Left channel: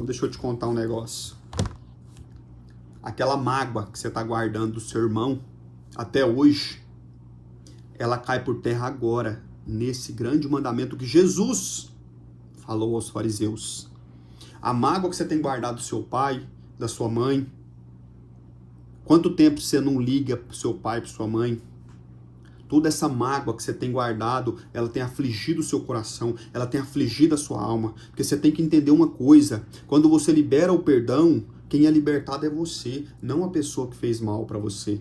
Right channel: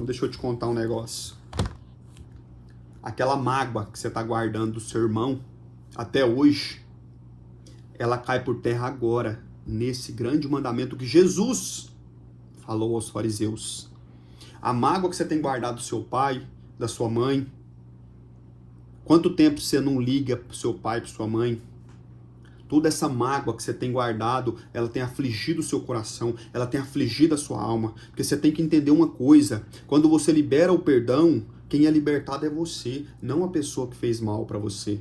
Então deixa eu te contar um negócio. Aquela mágoa que você está guardando do seu irmão até hoje, ela cai por terra agora, nesse grande mandamento que Jesus falou aos fariseus. A mágoa que você tem guardado do seu pai, da sua mãe, quanto tempo você não liga para o seu pai e para sua mãe? Toda essa mágoa que você tem guardado, ela tem afligido o seu coração, ela tem afligido a sua alma. Porque você tem que entender uma coisa, quando você libera o perdão, quem é libertado é você, não a pessoa que fez mal para você.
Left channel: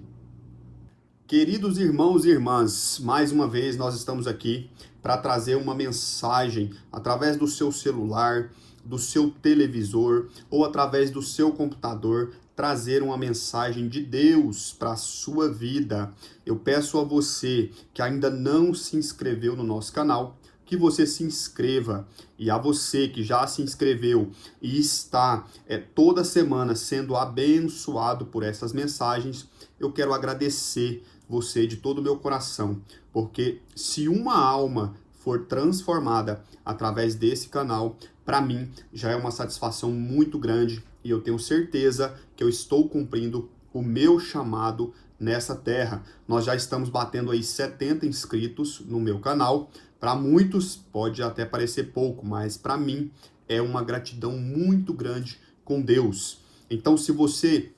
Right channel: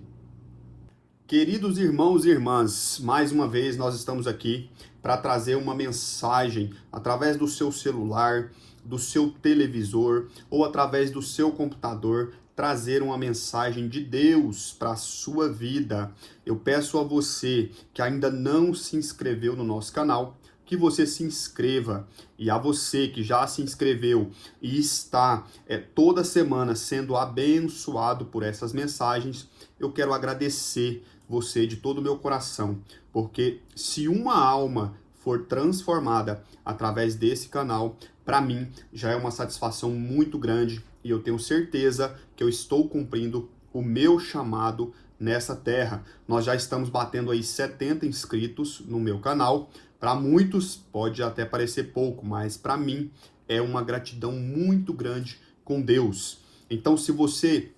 Queridos irmãos e irmãs, mais uma vez nós estamos aqui para trazer uma mensagem através do seu celular, do seu televisor ou através do seu computador, trazer uma mensagem de Deus para a sua vida. Eu peço a você que ainda não se inscreveu no nosso canal, que você se inscreva. E a você que já se inscreveu e está toda semana sendo abençoado por essas mensagens, eu quero agradecer você de todo o meu coração, porque se uma alma for transformada através desse canal, para mim já é uma satisfação muito grande e eu tenho certeza que eu estou cumprindo o meu chamado nessa terra. Nós já estamos batendo aí 70 inscritos no meu canal. Para muitos pode até parecer pouco, mas para mim é uma gratidão muito grande com Deus. Então, se você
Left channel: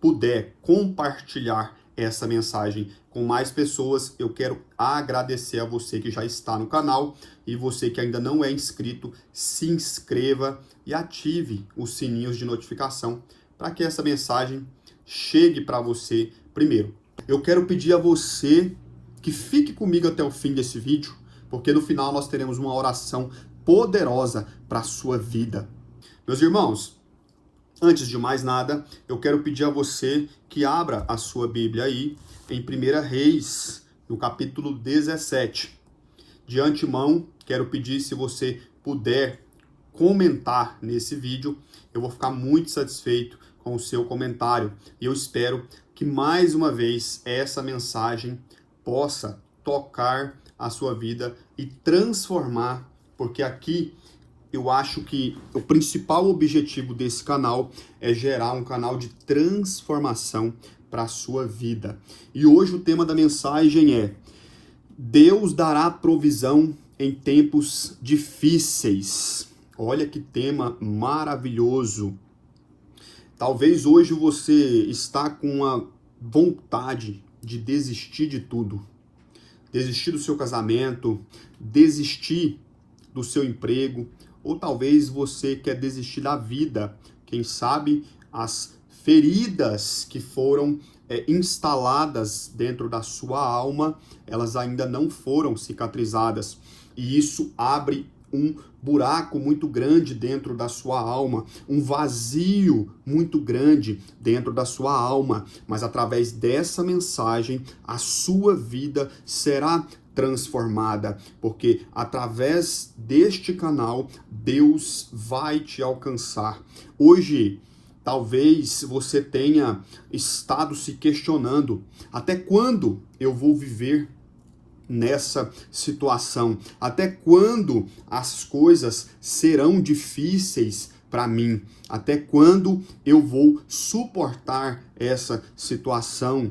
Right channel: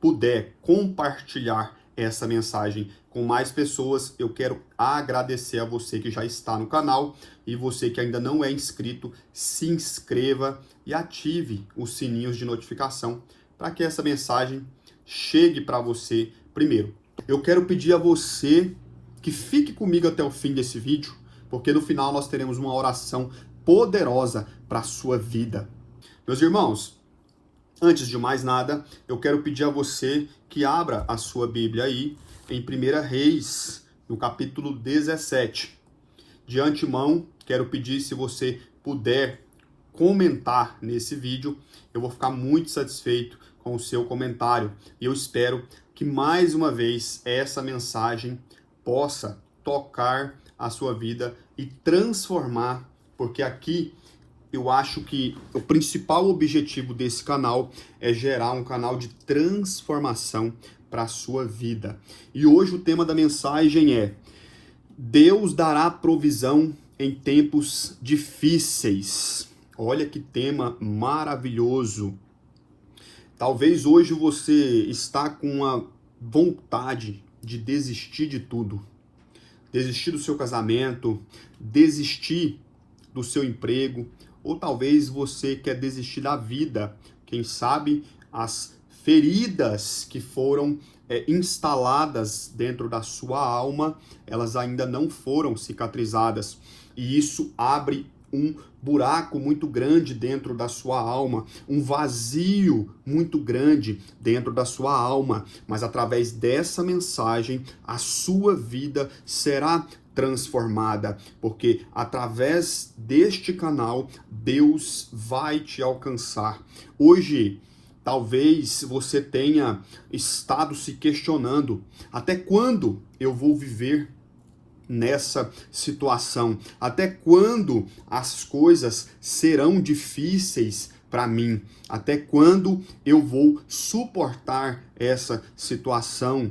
puder compartilhar essa mensagem com mais pessoas, eu quero agradecer a você que já está no canal e você que ainda não é inscrito, se inscreva e ative os sininhos de notificação para que essa mensagem chegue para você primeiro. Eu quero pedir a você que fique comigo até o fim desse vídeo, porque no final nós teremos uma oração poderosa para a sua vida. Meus irmãos, antes de mais nada, eu quero pedir a você que abra a sua Bíblia aí em 1 Reis, no capítulo 17. De antemão, quero pedir, se você puder comentar nesse vídeo, eu vou ficar muito satisfeito com o seu comentário. E eu espero que mais uma vez essa mensagem possa tocar a sua vida e transformar, porque aqui eu acho que o principal objetivo desse canal é gerar um canal de transformação para a sua vida. E hoje o tema da mensagem é: Deus dará provisão em tempos difíceis. Olha que tema maravilhoso. Talvez hoje você está com a vontade de desistir de tudo. Desistir do seu casamento, desistir do seu emprego, ou talvez você quer desistir da vida. Quem sabe as feridas que foram instaladas dentro da sua alma, elas ainda não foram cicatrizadas. E isso abre um buraco muito grande dentro da sua alma, um vazio muito grande dentro da sua alma. Mas através dessa mensagem, a sua vida será transformada, porque através deste canal, Deus vai te alcançar. Hoje, talvez você tenha estado se questionando: até quando eu vou viver nessa situação? Até quando as coisas serão difíceis para mim? Até quando eu vou suportar essa situação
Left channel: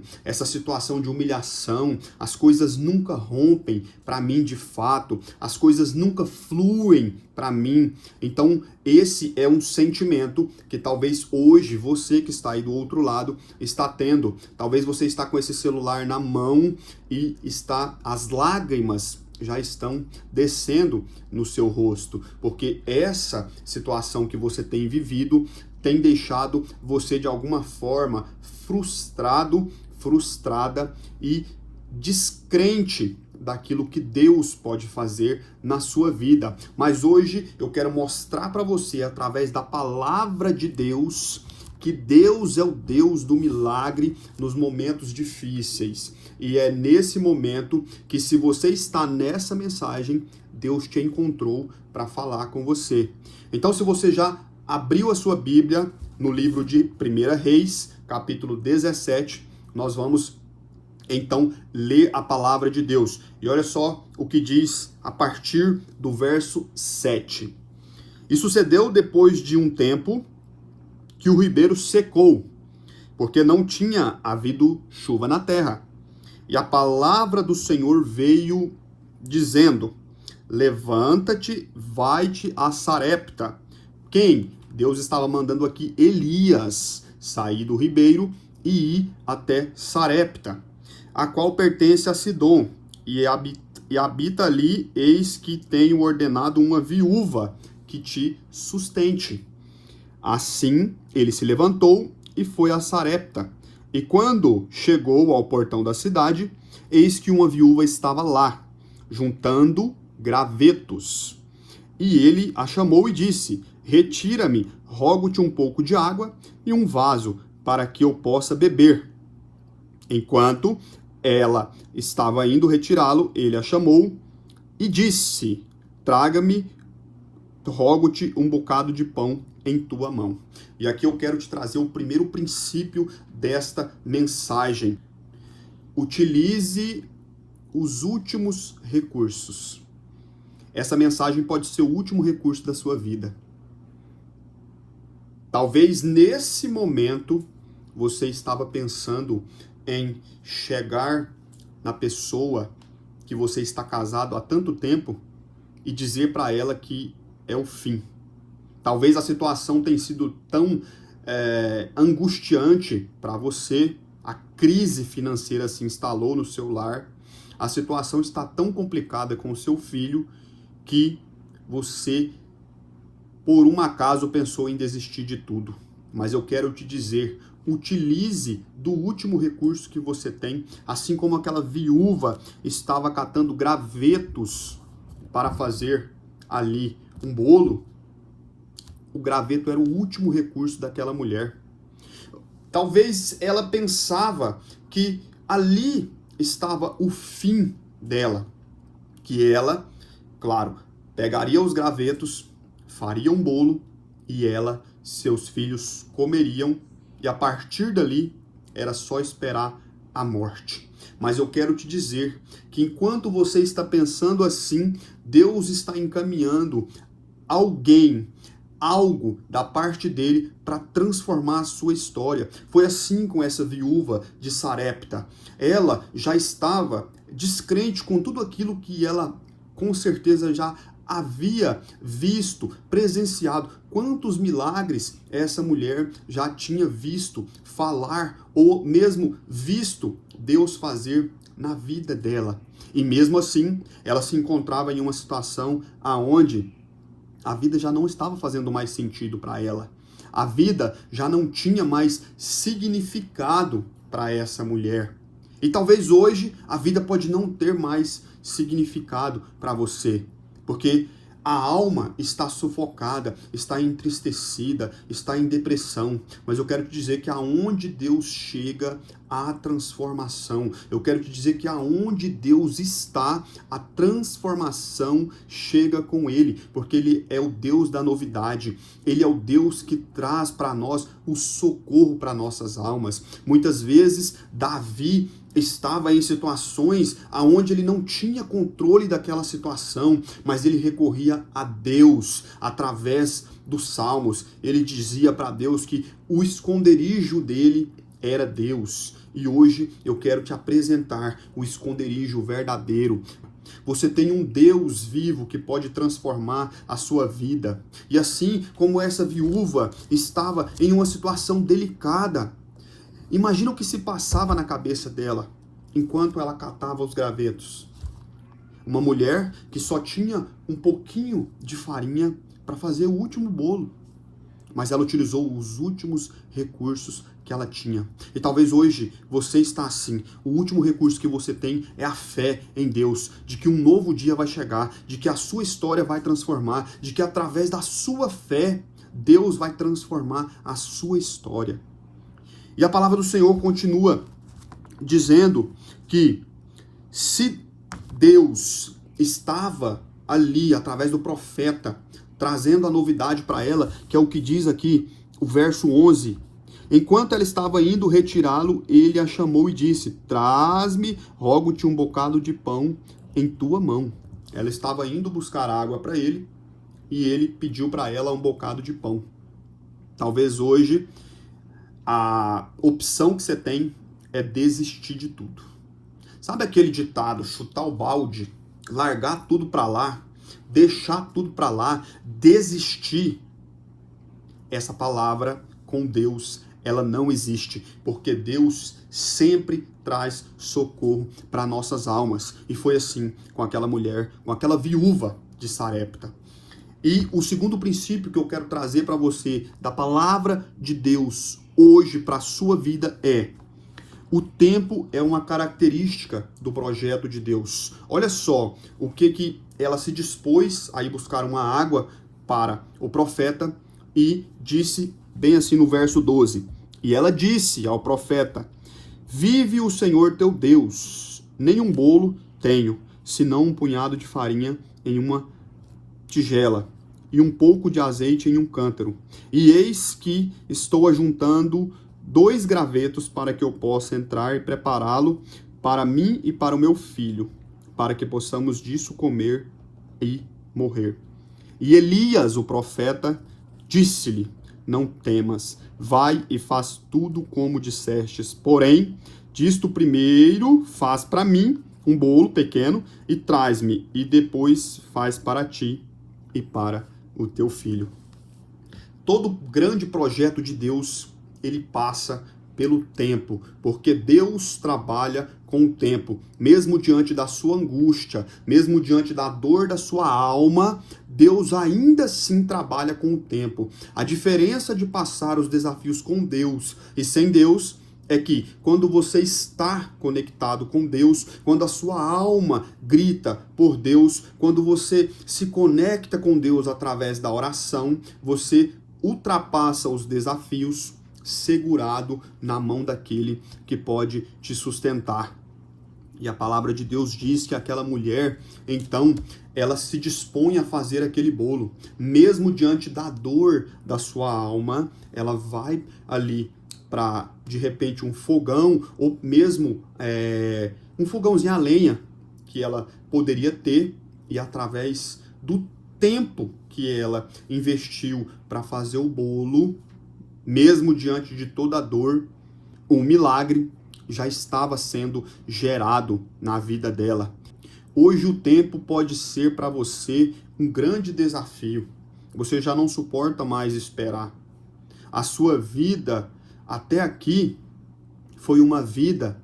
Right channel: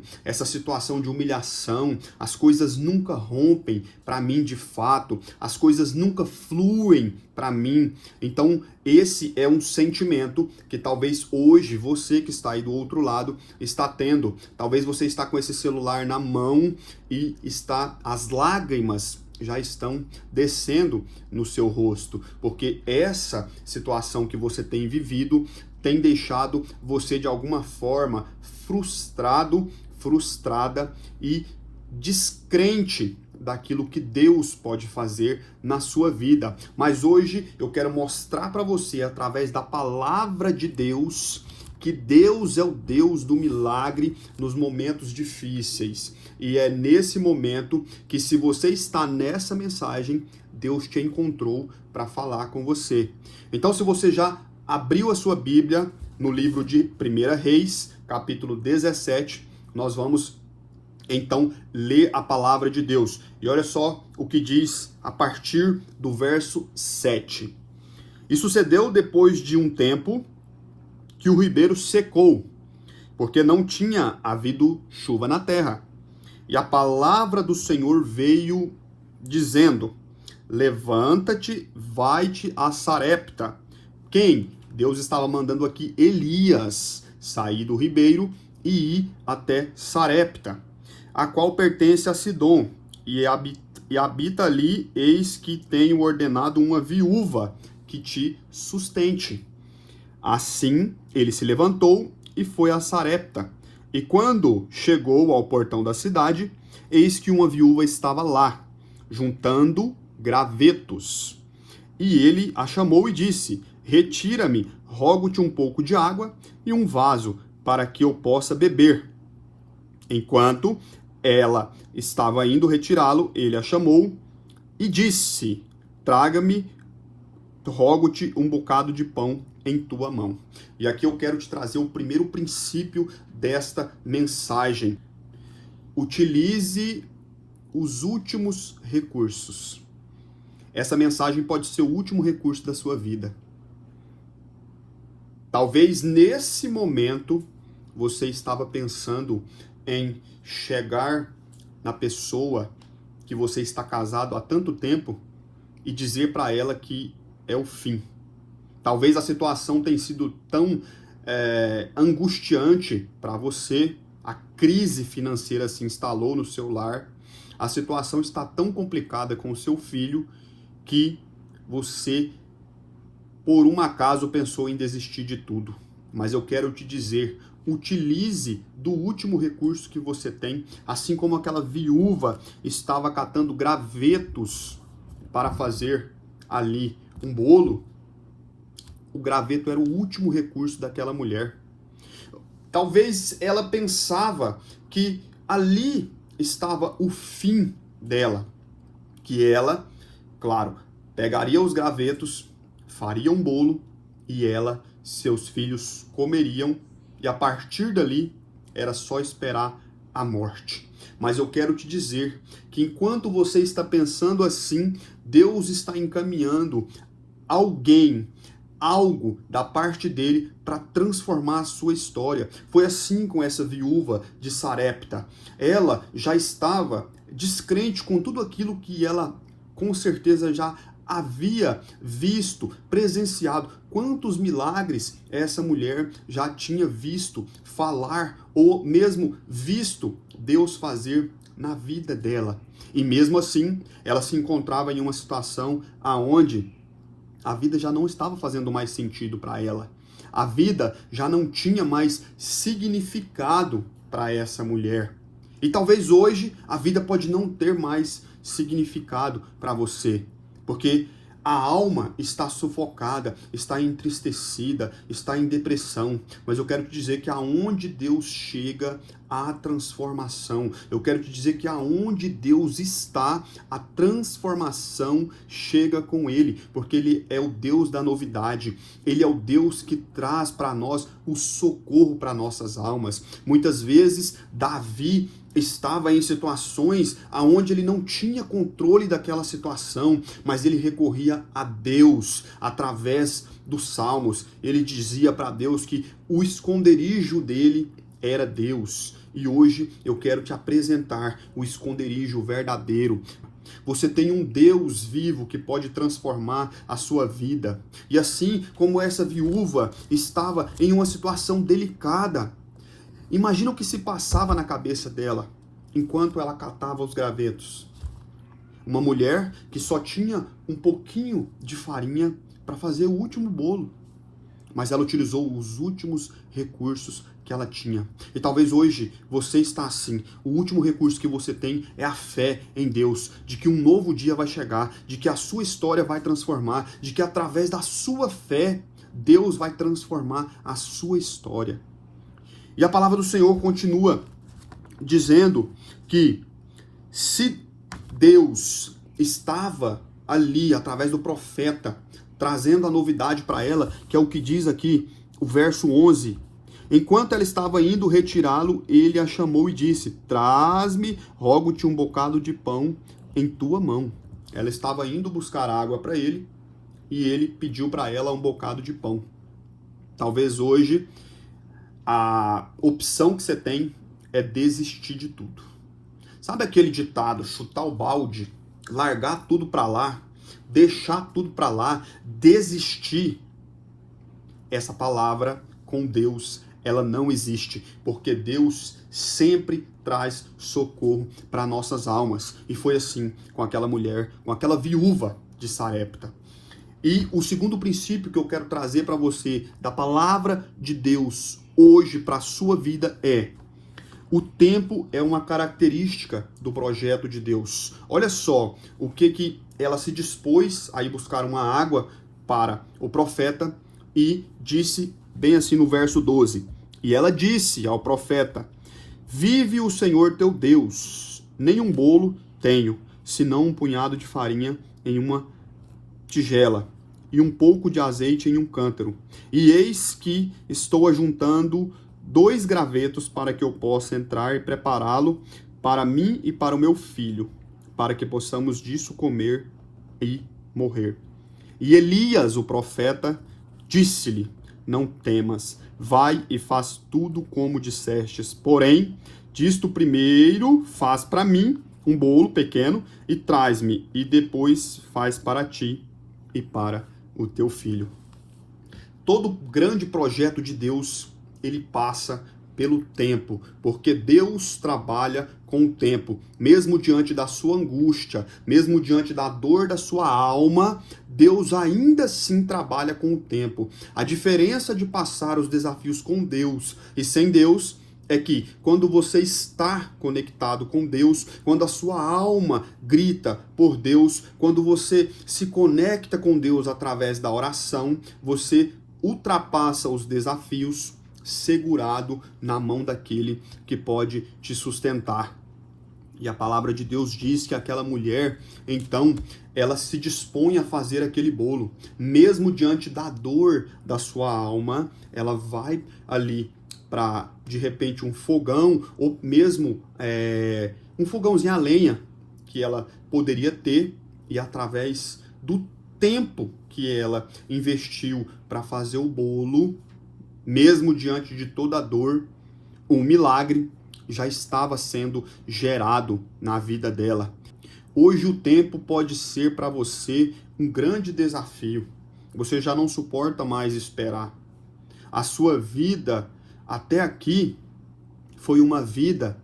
de humilhação? As coisas nunca rompem para mim de fato, as coisas nunca fluem para mim. Então, esse é um sentimento que talvez hoje você que está aí do outro lado está tendo. Talvez você está com esse celular na mão e as lágrimas já estão descendo no seu rosto, porque essa situação que você tem vivido tem deixado você de alguma forma frustrado, frustrada e descrente daquilo que Deus pode fazer na sua vida. Mas hoje eu quero mostrar para você, através da palavra de Deus, que Deus é o Deus do milagre nos momentos difíceis. E é nesse momento que, se você está nessa mensagem, Deus te encontrou para falar com você. Então, se você já abriu a sua Bíblia no livro de 1 Reis, capítulo 17, nós vamos então ler a palavra de Deus. E olha só o que diz a partir do verso 7. E sucedeu depois de um tempo que o ribeiro secou, porque não tinha havido chuva na terra. E a palavra do Senhor veio dizendo: levanta-te, vai-te a Sarepta. Quem? Deus estava mandando aqui Elias sair do ribeiro e ir até Sarepta, a qual pertence a Sidom, e habita ali, eis que tenho ordenado uma viúva que te sustente. Assim ele se levantou e foi a Sarepta. E quando chegou ao portão da cidade, eis que uma viúva estava lá, juntando gravetos. E ele a chamou e disse: retira-me, rogo-te um pouco de água e um vaso, para que eu possa beber. Enquanto ela estava indo retirá-lo, ele a chamou e disse: traga-me, rogo-te um bocado de pão em tua mão. E aqui eu quero te trazer o primeiro princípio desta mensagem. Utilize os últimos recursos. Essa mensagem pode ser o último recurso da sua vida. Talvez nesse momento você estava pensando em chegar na pessoa que você está casado há tanto tempo e dizer para ela que é o fim. Talvez a situação tenha sido tão angustiante para você, a crise financeira se instalou no seu lar, a situação está tão complicada com o seu filho que você, por um acaso, pensou em desistir de tudo. Mas eu quero te dizer, utilize do último recurso que você tem, assim como aquela viúva estava catando gravetos para fazer ali um bolo. O graveto era o último recurso daquela mulher. Talvez ela pensava que ali estava o fim dela, que ela, claro, pegaria os gravetos, faria um bolo e ela, seus filhos comeriam, e a partir dali era só esperar a morte. Mas eu quero te dizer que enquanto você está pensando assim, Deus está encaminhando alguém, algo da parte dele para transformar a sua história. Foi assim com essa viúva de Sarepta. Ela já estava descrente com tudo aquilo que ela com certeza já havia visto, presenciado. Quantos milagres essa mulher já tinha visto falar ou mesmo visto Deus fazer na vida dela. E mesmo assim, ela se encontrava em uma situação aonde a vida já não estava fazendo mais sentido para ela. A vida já não tinha mais significado para essa mulher. E talvez hoje a vida pode não ter mais significado para você, porque a alma está sufocada, está entristecida, está em depressão. Mas eu quero te dizer que aonde Deus chega, há transformação. Eu quero te dizer que aonde Deus está, a transformação chega com Ele, porque Ele é o Deus da novidade. Ele é o Deus que traz para nós o socorro para nossas almas. Muitas vezes, Davi estava em situações aonde ele não tinha controle daquela situação, mas ele recorria a Deus através dos salmos. Ele dizia para Deus que o esconderijo dele era Deus. E hoje eu quero te apresentar o esconderijo verdadeiro. Você tem um Deus vivo que pode transformar a sua vida. E assim como essa viúva estava em uma situação delicada, imagina o que se passava na cabeça dela enquanto ela catava os gravetos. Uma mulher que só tinha um pouquinho de farinha para fazer o último bolo, mas ela utilizou os últimos recursos que ela tinha. E talvez hoje você está assim. O último recurso que você tem é a fé em Deus, de que um novo dia vai chegar, de que a sua história vai transformar, de que através da sua fé Deus vai transformar a sua história. E a palavra do Senhor continua dizendo que se Deus estava ali através do profeta trazendo a novidade para ela, que é o que diz aqui o verso 11, enquanto ela estava indo retirá-lo, ele a chamou e disse: traz-me, rogo-te um bocado de pão em tua mão. Ela estava indo buscar água para ele e ele pediu para ela um bocado de pão. Talvez hoje a opção que você tem é desistir de tudo. Sabe aquele ditado, chutar o balde, largar tudo para lá, deixar tudo para lá, desistir? Essa palavra com Deus, ela não existe, porque Deus sempre traz socorro para nossas almas. E foi assim com aquela mulher, com aquela viúva de Sarepta. E o segundo princípio que eu quero trazer para você da palavra de Deus hoje para a sua vida é: o tempo é uma característica do projeto de Deus. Olha só o que ela se dispôs a ir buscar uma água para o profeta e disse bem assim no verso 12. E ela disse ao profeta: vive o Senhor teu Deus, nenhum bolo tenho, senão um punhado de farinha em uma tigela e um pouco de azeite em um cântaro. E eis que estou ajuntando 2 gravetos para que eu possa entrar e prepará-lo para mim e para o meu filho, para que possamos disso comer e morrer. E Elias, o profeta, disse-lhe: não temas, vai e faz tudo como dissestes. Porém, disto primeiro faz para mim um bolo pequeno e traz-me, e depois faz para ti e para o teu filho. Todo grande projeto de Deus, ele passa pelo tempo, porque Deus trabalha com o tempo. Mesmo diante da sua angústia, mesmo diante da dor da sua alma, Deus ainda assim trabalha com o tempo. A diferença de passar os desafios com Deus e sem Deus é que quando você está conectado com Deus, quando a sua alma grita por Deus, quando você se conecta com Deus através da oração, você ultrapassa os desafios segurado na mão daquele que pode te sustentar. E a palavra de Deus diz que aquela mulher, então, ela se dispõe a fazer aquele bolo. Mesmo diante da dor da sua alma, ela vai ali para, de repente, um fogão, ou mesmo um fogãozinho a lenha que ela poderia ter, e através do tempo que ela investiu para fazer o bolo, mesmo diante de toda a dor, um milagre já estava sendo gerado na vida dela. Hoje o tempo pode ser para você um grande desafio. Você já não suporta mais esperar. A sua vida até aqui foi uma vida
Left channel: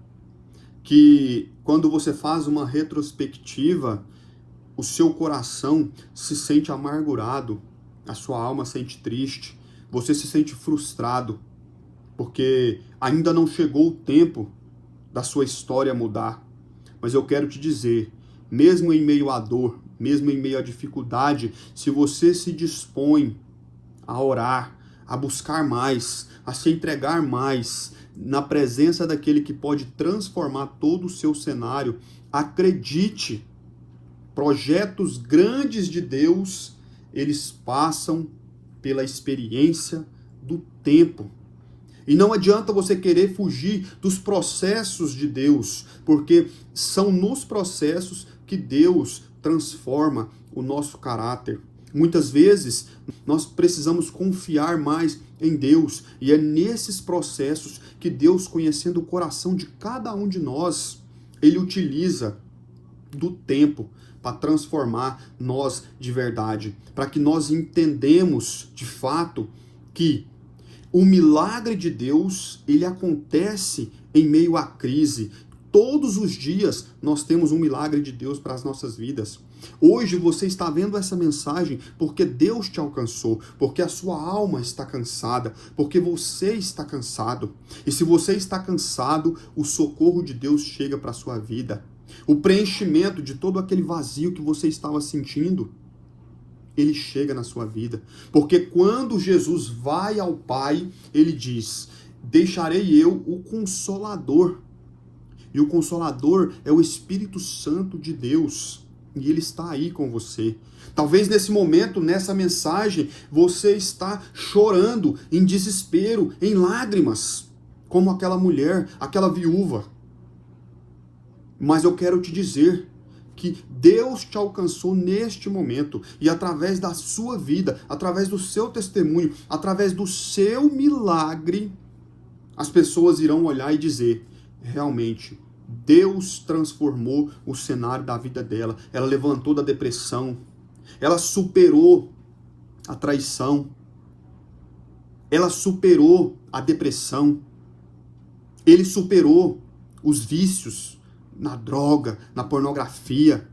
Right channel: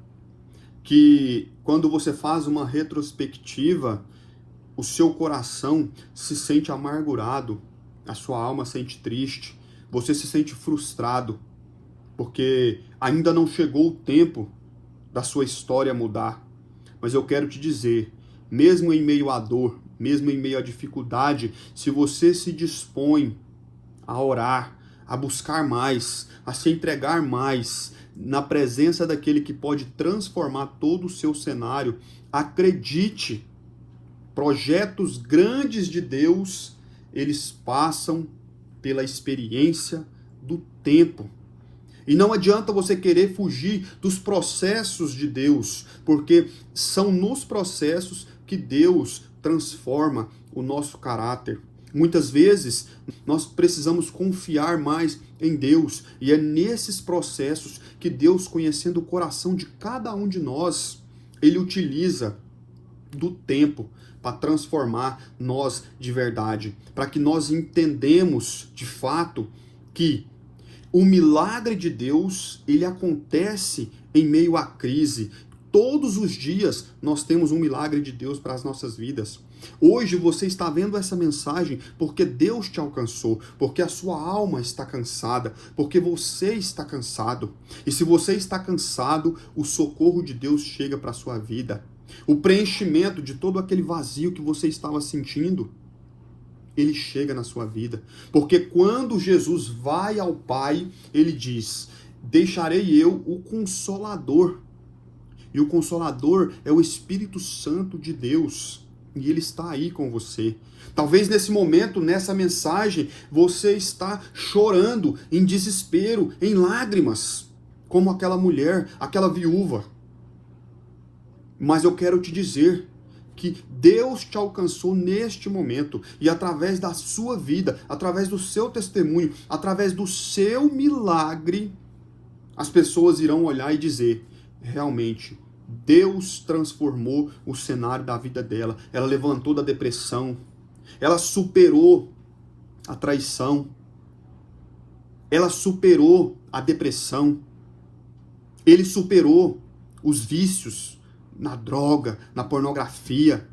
que, quando você faz uma retrospectiva, o seu coração se sente amargurado, a sua alma se sente triste, você se sente frustrado, porque ainda não chegou o tempo da sua história mudar. Mas eu quero te dizer, mesmo em meio à dor, mesmo em meio à dificuldade, se você se dispõe a orar, a buscar mais, a se entregar mais na presença daquele que pode transformar todo o seu cenário, acredite, projetos grandes de Deus, eles passam pela experiência do tempo. E não adianta você querer fugir dos processos de Deus, porque são nos processos que Deus transforma o nosso caráter. Muitas vezes nós precisamos confiar mais em Deus, e é nesses processos que Deus, conhecendo o coração de cada um de nós, Ele utiliza do tempo para transformar nós de verdade, para que nós entendamos de fato que o milagre de Deus, ele acontece em meio à crise. Todos os dias nós temos um milagre de Deus para as nossas vidas. Hoje você está vendo essa mensagem porque Deus te alcançou, porque a sua alma está cansada, porque você está cansado. E se você está cansado, o socorro de Deus chega para a sua vida. O preenchimento de todo aquele vazio que você estava sentindo, ele chega na sua vida. Porque quando Jesus vai ao Pai, ele diz: deixarei eu o Consolador. E o Consolador é o Espírito Santo de Deus. E ele está aí com você. Talvez nesse momento, nessa mensagem, você está chorando em desespero, em lágrimas, como aquela mulher, aquela viúva. Mas eu quero te dizer que Deus te alcançou neste momento e através da sua vida, através do seu testemunho, através do seu milagre, as pessoas irão olhar e dizer: realmente, Deus transformou o cenário da vida dela. Ela levantou da depressão, ela superou a traição, ela superou a depressão, ele superou os vícios na droga, na pornografia.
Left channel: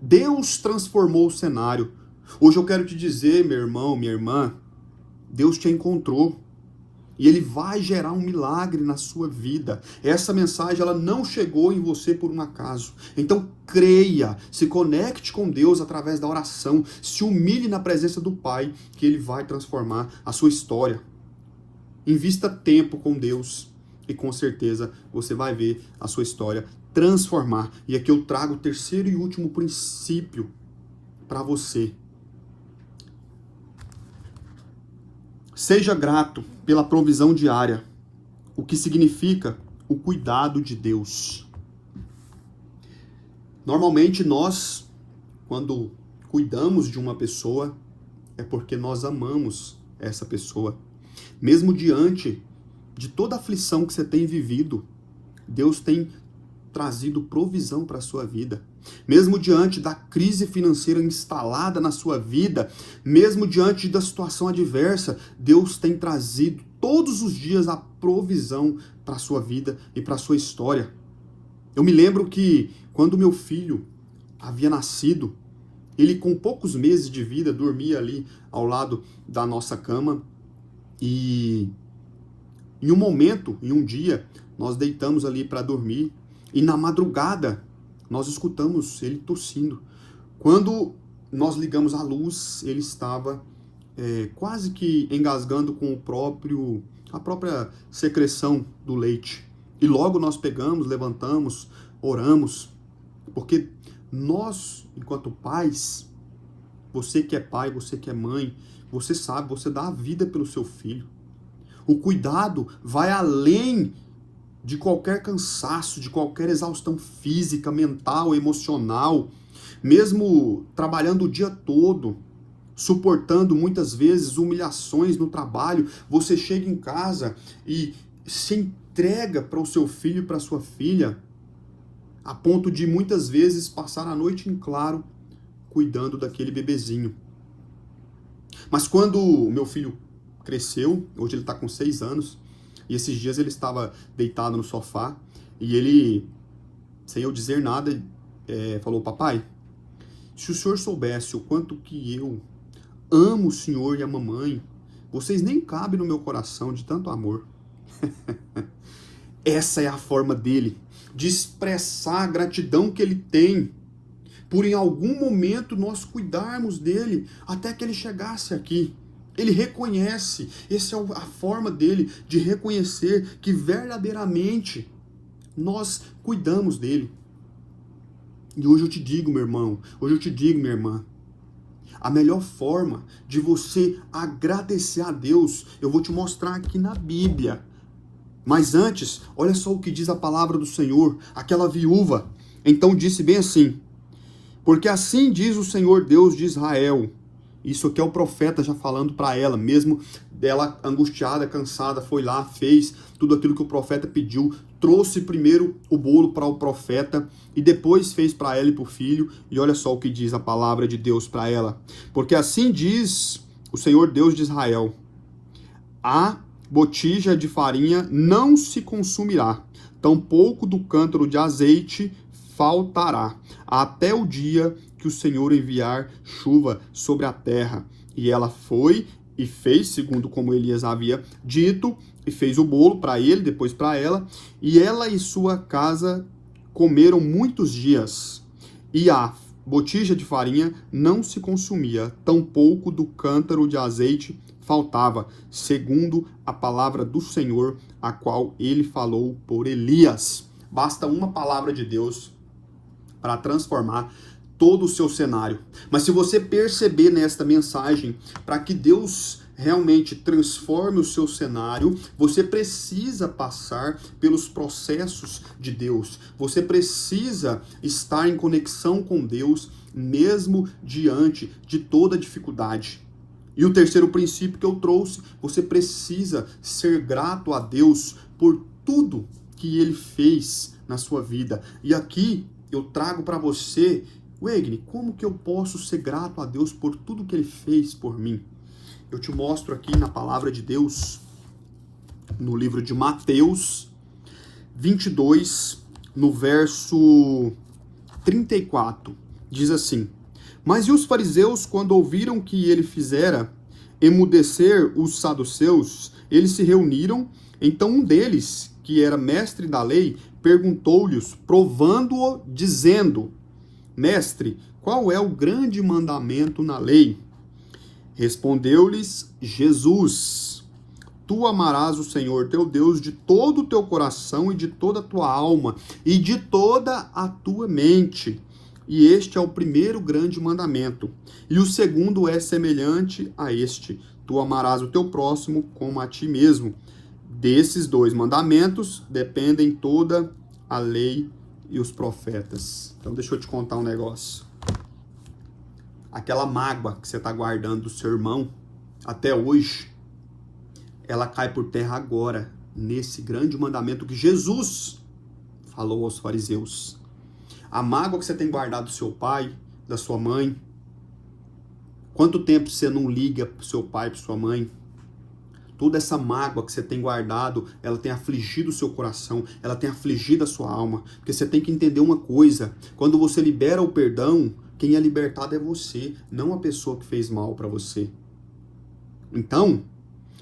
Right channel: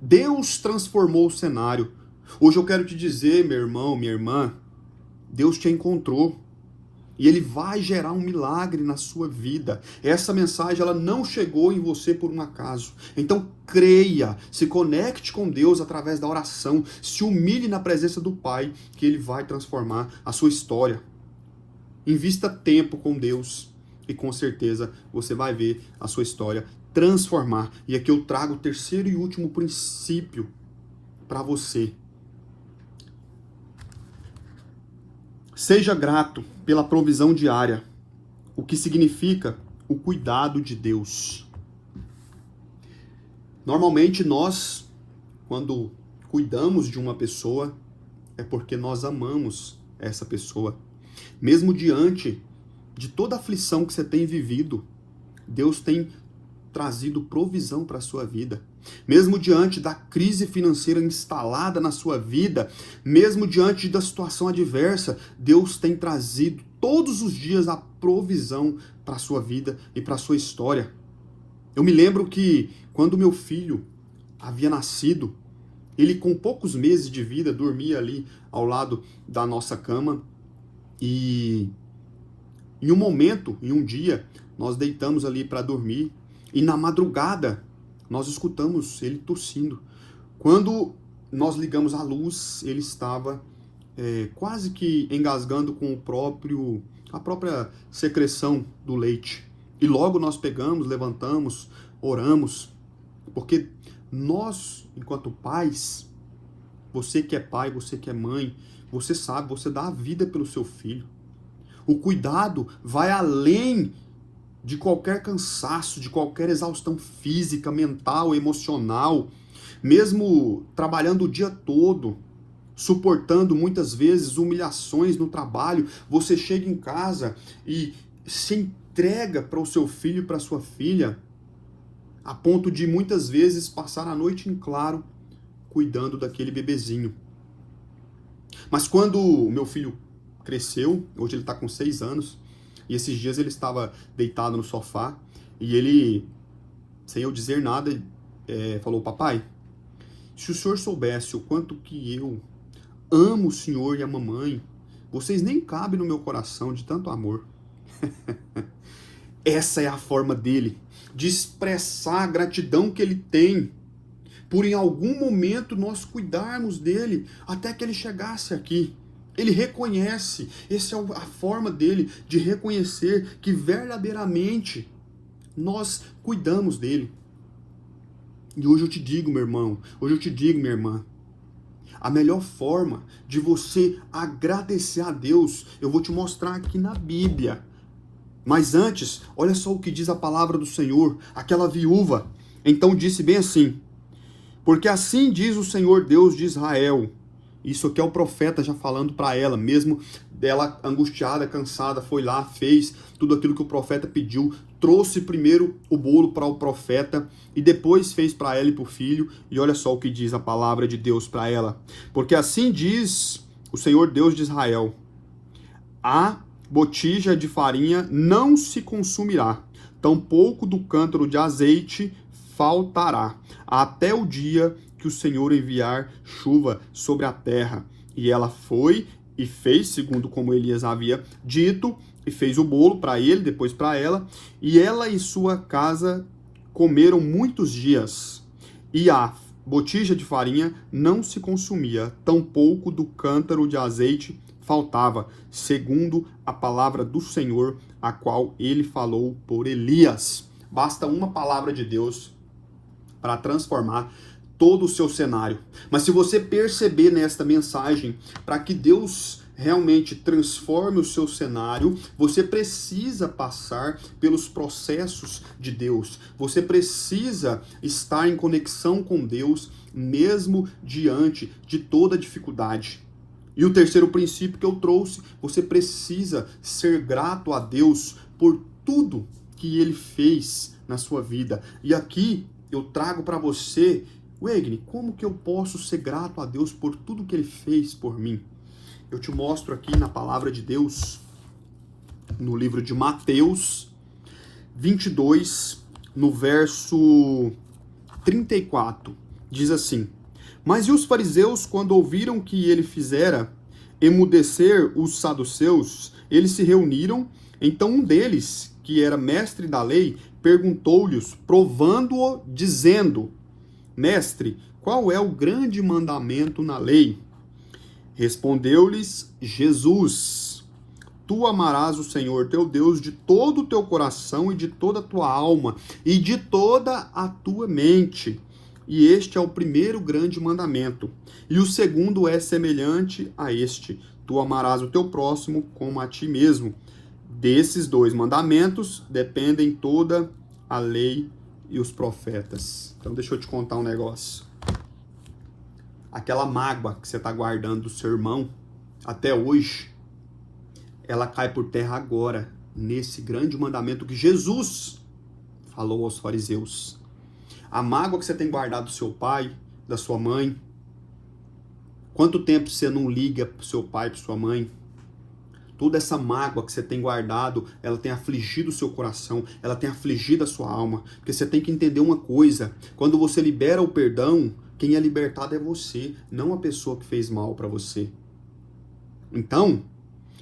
Deus transformou o cenário. Hoje eu quero te dizer, meu irmão, minha irmã, Deus te encontrou. E Ele vai gerar um milagre na sua vida. Essa mensagem, ela não chegou em você por um acaso. Então creia, se conecte com Deus através da oração, se humilhe na presença do Pai, que Ele vai transformar a sua história. Invista tempo com Deus e com certeza você vai ver a sua história transformar. E aqui eu trago o terceiro e último princípio para você. Seja grato pela provisão diária, o que significa o cuidado de Deus. Normalmente nós, quando cuidamos de uma pessoa, é porque nós amamos essa pessoa. Mesmo diante de toda a aflição que você tem vivido, Deus tem trazido provisão para a sua vida. Mesmo diante da crise financeira instalada na sua vida, mesmo diante da situação adversa, Deus tem trazido todos os dias a provisão para a sua vida e para a sua história. Eu me lembro que quando meu filho havia nascido, ele com poucos meses de vida dormia ali ao lado da nossa cama e em um momento, em um dia, nós deitamos ali para dormir e na madrugada nós escutamos ele tossindo. Quando nós ligamos a luz, ele estava quase que engasgando com a própria secreção do leite. E logo nós pegamos, levantamos, oramos, porque nós, enquanto pais, você que é pai, você que é mãe, você sabe, você dá a vida pelo seu filho. O cuidado vai além de qualquer cansaço, de qualquer exaustão física, mental, emocional, mesmo trabalhando o dia todo, suportando muitas vezes humilhações no trabalho, você chega em casa e se entrega para o seu filho e para a sua filha, a ponto de muitas vezes passar a noite em claro cuidando daquele bebezinho. Mas quando o meu filho cresceu, hoje ele está com 6 anos, e esses dias ele estava deitado no sofá e ele, sem eu dizer nada, falou: papai, se o senhor soubesse o quanto que eu amo o senhor e a mamãe, vocês nem cabem no meu coração de tanto amor. Essa é a forma dele de expressar a gratidão que ele tem por em algum momento nós cuidarmos dele até que ele chegasse aqui. Ele reconhece, essa é a forma dele de reconhecer que verdadeiramente nós cuidamos dele. E hoje eu te digo, meu irmão, hoje eu te digo, minha irmã, a melhor forma de você agradecer a Deus, eu vou te mostrar aqui na Bíblia. Mas antes, olha só o que diz a palavra do Senhor, aquela viúva. Então disse bem assim: porque assim diz o Senhor Deus de Israel. Isso aqui é o profeta já falando para ela, mesmo dela angustiada, cansada, foi lá, fez tudo aquilo que o profeta pediu, trouxe primeiro o bolo para o profeta e depois fez para ela e para o filho. E olha só o que diz a palavra de Deus para ela. Porque assim diz o Senhor Deus de Israel: a botija de farinha não se consumirá, tampouco do cântaro de azeite faltará, até o dia que o Senhor enviar chuva sobre a terra. E ela foi e fez, segundo como Elias havia dito, e fez o bolo para ele, depois para ela, e ela e sua casa comeram muitos dias, e a botija de farinha não se consumia, tampouco do cântaro de azeite faltava, segundo a palavra do Senhor, a qual ele falou por Elias. Basta uma palavra de Deus para transformar todo o seu cenário. Mas se você perceber nesta mensagem, para que Deus realmente transforme o seu cenário, você precisa passar pelos processos de Deus. Você precisa estar em conexão com Deus, mesmo diante de toda dificuldade. E o terceiro princípio que eu trouxe, você precisa ser grato a Deus por tudo que Ele fez na sua vida. E aqui eu trago para você, Wegner, como que eu posso ser grato a Deus por tudo que Ele fez por mim? Eu te mostro aqui na palavra de Deus, no livro de Mateus 22, no verso 34, diz assim: Mas e os fariseus, quando ouviram que ele fizera emudecer os saduceus, eles se reuniram. Então um deles, que era mestre da lei, perguntou-lhes, provando-o, dizendo: Mestre, qual é o grande mandamento na lei? Respondeu-lhes Jesus: Tu amarás o Senhor teu Deus de todo o teu coração e de toda a tua alma e de toda a tua mente. E este é o primeiro grande mandamento. E o segundo é semelhante a este: Tu amarás o teu próximo como a ti mesmo. Desses dois mandamentos dependem toda a lei e os profetas. Então deixa eu te contar um negócio. Aquela mágoa que você está guardando do seu irmão até hoje, ela cai por terra agora, nesse grande mandamento que Jesus falou aos fariseus. A mágoa que você tem guardado do seu pai, da sua mãe, quanto tempo você não liga para o seu pai, para sua mãe? Toda essa mágoa que você tem guardado, ela tem afligido o seu coração, ela tem afligido a sua alma. Porque você tem que entender uma coisa: quando você libera o perdão, quem é libertado é você, não a pessoa que fez mal para você. Então,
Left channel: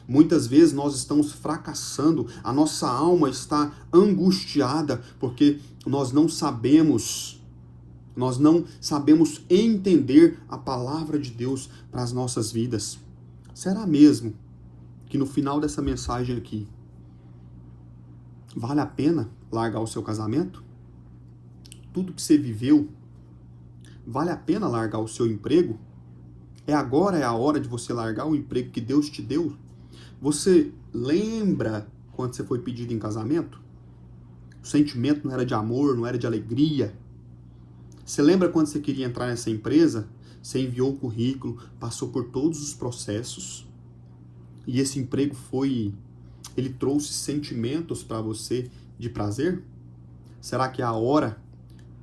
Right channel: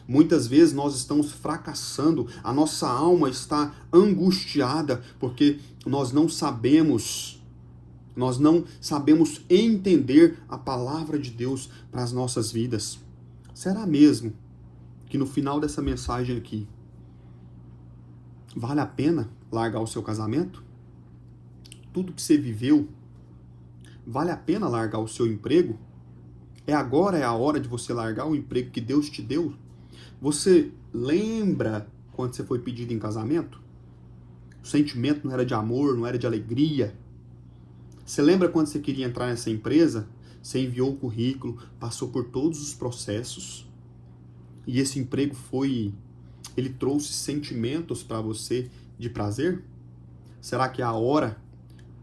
muitas vezes nós estamos fracassando, a nossa alma está angustiada, porque nós não sabemos entender a palavra de Deus para as nossas vidas. Será mesmo que no final dessa mensagem aqui, vale a pena largar o seu casamento? Tudo que você viveu, vale a pena largar o seu emprego? Agora é a hora de você largar o emprego que Deus te deu? Você lembra quando você foi pedido em casamento? O sentimento não era de amor, não era de alegria. Você lembra quando você queria entrar nessa empresa? Você enviou o currículo, passou por todos os processos. E esse emprego ele trouxe sentimentos para você de prazer? Será que é a hora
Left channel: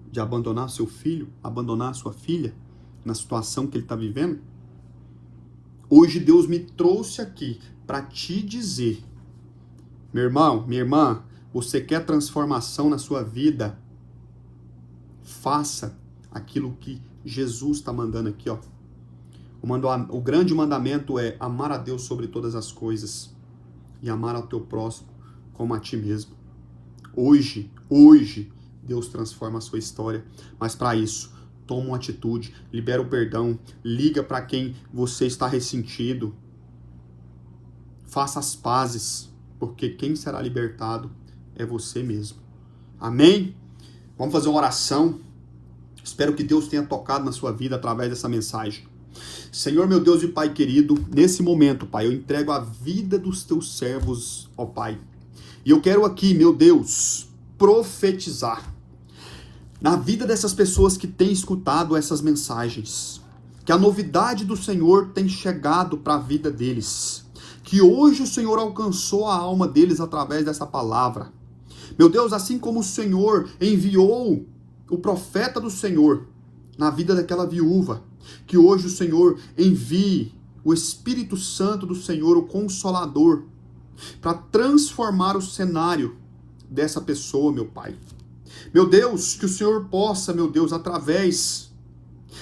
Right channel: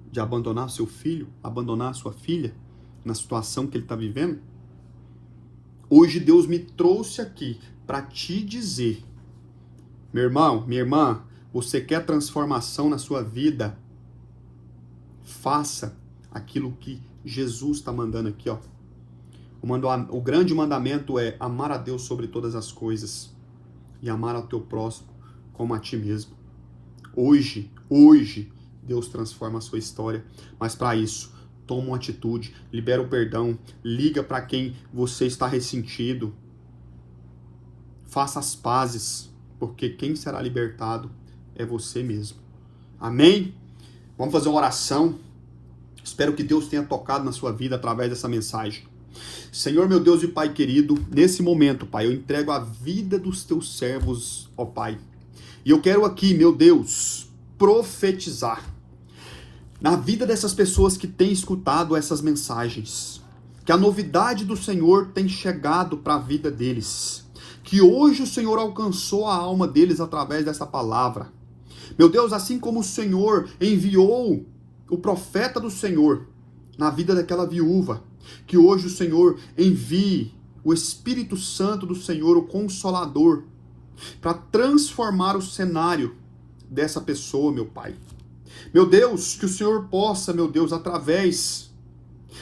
de abandonar seu filho, abandonar sua filha na situação que ele está vivendo? Hoje Deus me trouxe aqui para te dizer, meu irmão, minha irmã, você quer transformação na sua vida? Faça aquilo que Jesus está mandando aqui, ó. O grande mandamento é amar a Deus sobre todas as coisas e amar ao teu próximo como a ti mesmo. Hoje, Deus transforma a sua história, mas para isso, toma uma atitude, libera o perdão, liga para quem você está ressentido, faça as pazes, porque quem será libertado é você mesmo. Amém? Vamos fazer uma oração. Espero que Deus tenha tocado na sua vida através dessa mensagem. Senhor, meu Deus e Pai querido, nesse momento, Pai, eu entrego a vida dos teus servos, ó Pai. E eu quero aqui, meu Deus, profetizar na vida dessas pessoas que têm escutado essas mensagens, que a novidade do Senhor tem chegado para a vida deles, que hoje o Senhor alcançou a alma deles através dessa palavra. Meu Deus, assim como o Senhor enviou o profeta do Senhor na vida daquela viúva, que hoje o Senhor envie o Espírito Santo do Senhor, o Consolador, para transformar o cenário dessa pessoa, meu Pai. Meu Deus, que o Senhor possa, meu Deus, através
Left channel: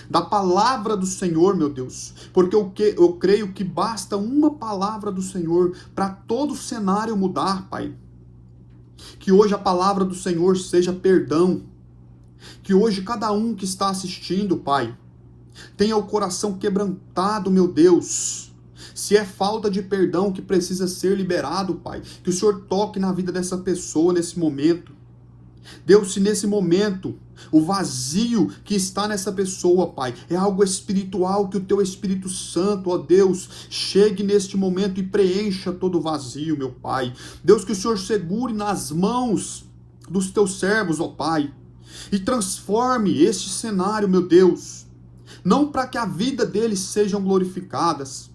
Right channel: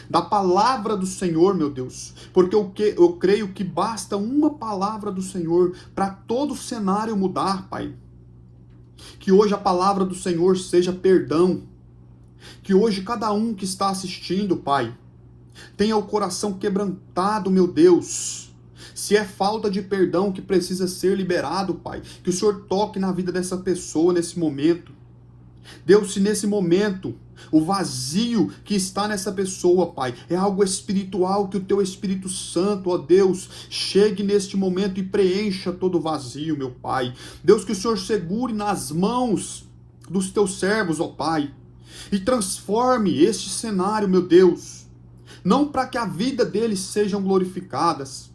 da palavra do Senhor, meu Deus, porque eu creio que basta uma palavra do Senhor para todo o cenário mudar, Pai. Que hoje a palavra do Senhor seja perdão. Que hoje cada um que está assistindo, Pai, tenha o coração quebrantado, meu Deus. Se é falta de perdão que precisa ser liberado, Pai, que o Senhor toque na vida dessa pessoa nesse momento. Deus, se nesse momento o vazio que está nessa pessoa, Pai, é algo espiritual, que o Teu Espírito Santo, ó Deus, chegue neste momento e preencha todo o vazio, meu Pai. Deus, que o Senhor segure nas mãos dos Teus servos, ó Pai, e transforme este cenário, meu Deus, não para que a vida deles sejam glorificadas,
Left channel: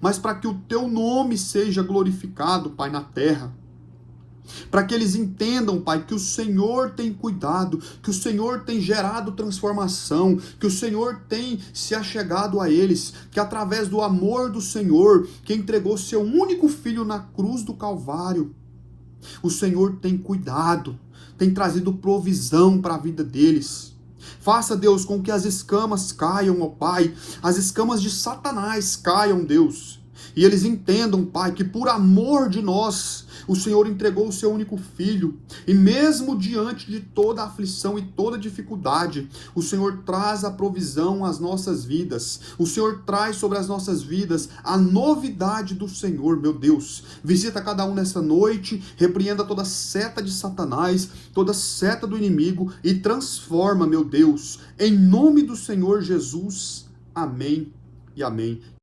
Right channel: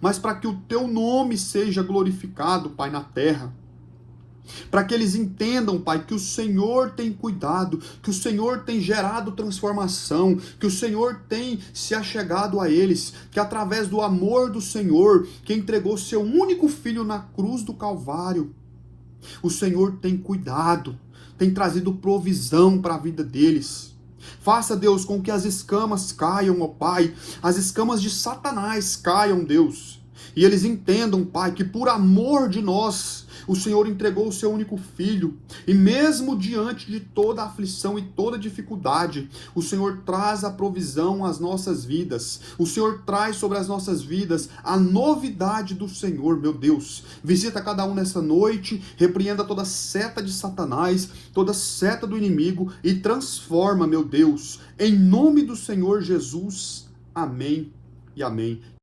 mas para que o Teu nome seja glorificado, Pai, na terra. Para que eles entendam, Pai, que o Senhor tem cuidado, que o Senhor tem gerado transformação, que o Senhor tem se achegado a eles, que através do amor do Senhor, que entregou seu único filho na cruz do Calvário, o Senhor tem cuidado, tem trazido provisão para a vida deles. Faça, Deus, com que as escamas caiam, ó Pai, as escamas de Satanás caiam, Deus, e eles entendam, Pai, que por amor de nós, o Senhor entregou o seu único filho, e mesmo diante de toda a aflição e toda a dificuldade, o Senhor traz a provisão às nossas vidas, o Senhor traz sobre as nossas vidas a novidade do Senhor, meu Deus. Visita cada um nessa noite, repreenda toda seta de Satanás, toda seta do inimigo e transforma, meu Deus, em nome do Senhor Jesus. Amém e amém.